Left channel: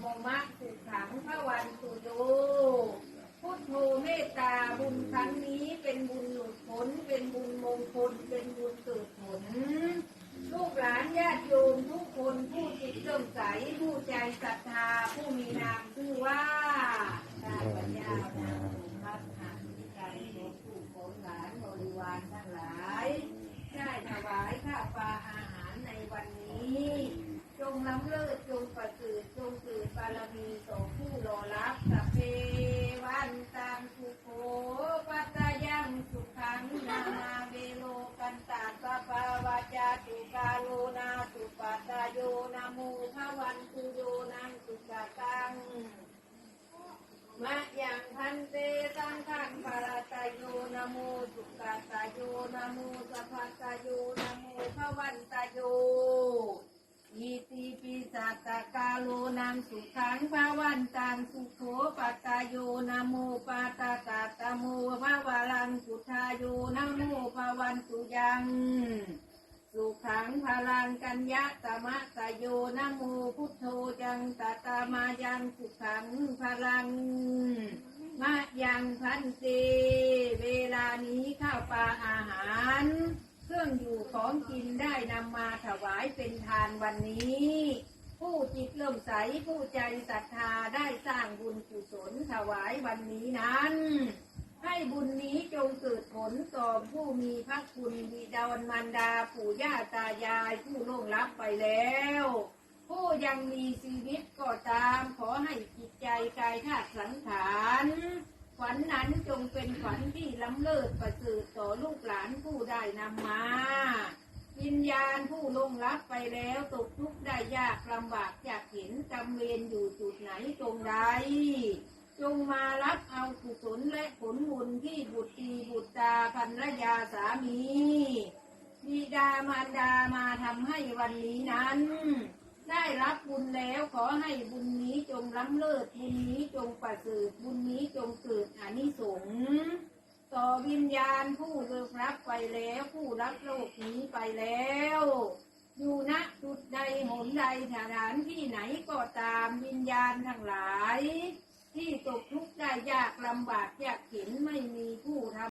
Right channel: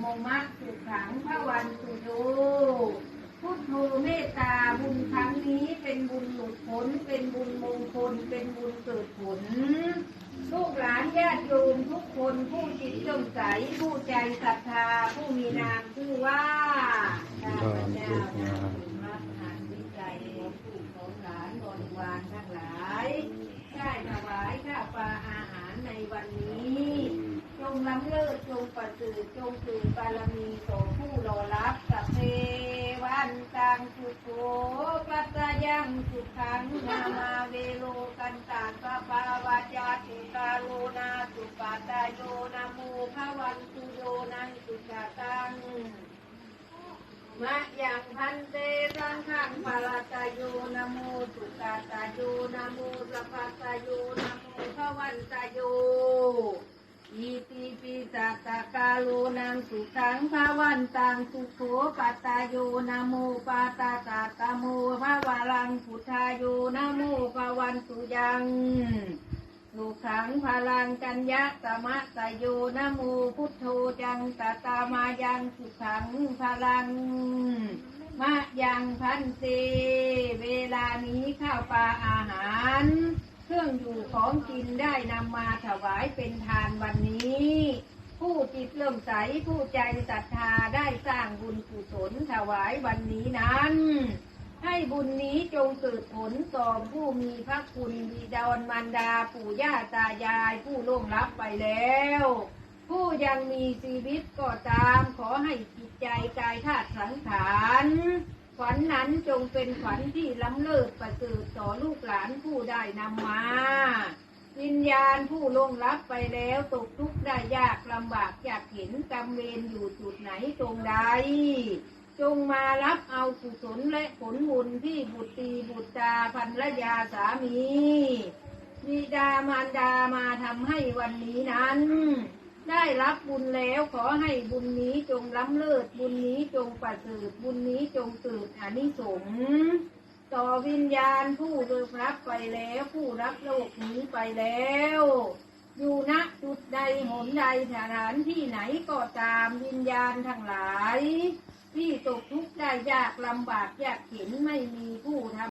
โมมะสุขังพระวันตุโยพุทโธเมตตาบุญครั้งนี้เป็นบุญหลุดพ้นเป็นบุญมงคลเป็นบุญเกิดผลลูกหลานญาติโยมทุกคนผู้จิตเลื่อมใสผู้ใจศรัทธาผู้มีนามชื่อว่าข้าพเจ้ารัตน์หานวิจัยของผู้ของหลานบริวารทั้งหลายได้ถวายข้าวปลาอาหารในวันนี้จงล้ำเลิศ จงประสริฐจงเกิดบารมีของผู้รอรับสัพเพวันตังสุโขกัตยังสุขังนามาเวโลกันตาปะปาวาจาสุกาโลนาสุปาตายโยนาโมภวันตุโยนังสุกาตังมะยังพันเตสังฆังภาลตายโยนะโมสุกาตายโยนะโมสัพพตายโยนะโมพระวันตายโย อีติปิสัตตกาโลนังสุขังภาวันตังสุโขปัตตาโยนะโมปาตาตาตะโมภาวารังพุทธายโยนะโมภวันตุยังสุขังพลังกัญญะสมะสยโยนะโมพุทโธจังตตามายังสุขังพลังมะยังพันเตเวลานี้ข้าวปลาอาหาร เครื่องอยู่ของกินได้นำมาถวายเป็นทานวันนี้ ผู้จิตเริ่อมใสผู้ใจศรัทธาได้สร้างบุญกุศลถวายวันนี้นั้น ให้บุญนี้จงเกิดผลต่อผู้มีพระคุณบิดาอนมารดาปู่ย่าตายายผู้ล่วงลับไปแล้ว ผู้ยังมีชีวิตก็ตามขอให้จิตใจกายธาตุสังขาร ฝันนั้นจงเป็นฝันที่ล้ำเลิศประเสริฐต่อลูกหลานผู้ได้นำมา วิญญาณผู้ลงลับไปแล้วตกทุกข์ได้ยากลำบากอยากเห็นกรรมเวรอยู่จุดไหนตรงใด จงมารับเอากุศลและผลบุญที่บุตรีบุตรตาภรรยาสามีบิดามารดามาทำให้วันนี้นั้น ได้รับบุญแล้วขอให้บุญนี้จงล้ำเลิศบุญนี้จงประเสริฐบุญนี้จงเกิดอานิสงส์ต่อวิญญาณผู้เรับไปแล้วผู้รับโลกนี้ไปแล้ว อยู่ณจุดใดหนใดสถานที่ไหนก็ตามวิญญาณทั้งหลาย ที่ตกทุกข์ได้ยากลำบากยากเข็นไม่มีผู้ทำ